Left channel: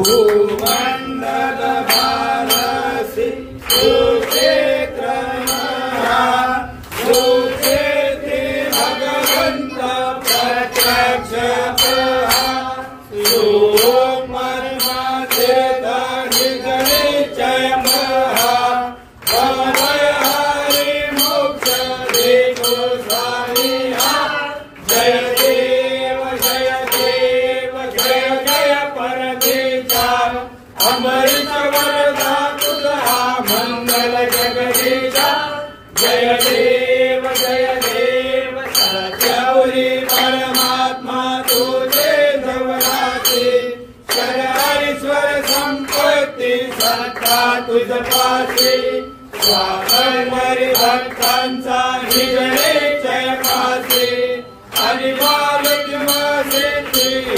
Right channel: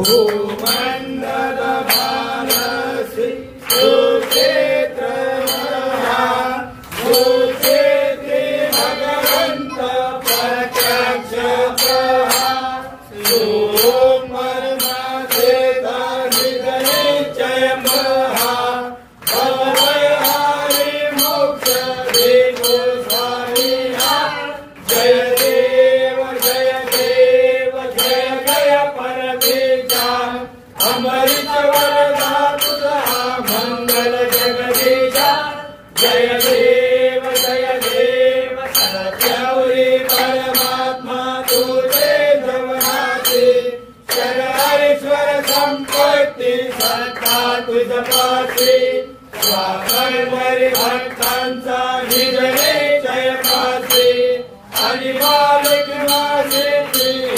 भूमंडल भारसी सुक्षेत्र सुचेते भगवंत प्रत्यक्ष परमात्मे निश्चय महा हरि मोक्ष देव जय देव जय देव जय जय परमेशा अमृत वरदा तुझा मंगल जगदीशा जय देव सत्यवरी परमात्मा तुझे जवनाचे शरणेश्वर संपत्ती सत्ता तुझ पासे स्वागरी भक्तांचा निजने जय पासे आणि बालक मासे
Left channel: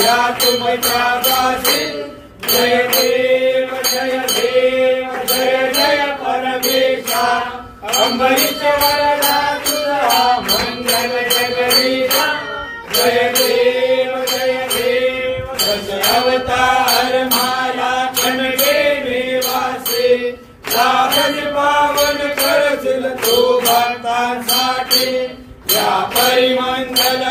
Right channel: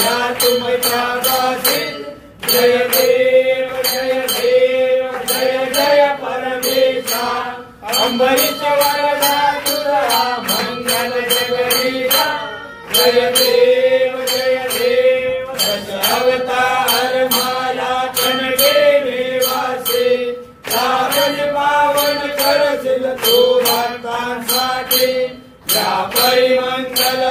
या तुमच्या दासी जय देव जय जय परमेशा अमृत वरदा तुझा मंगल जगदीशा जय देव अवतार माला खणगे निवासे साधन पावन करशील तू भक्तांसाठी या परिमंडल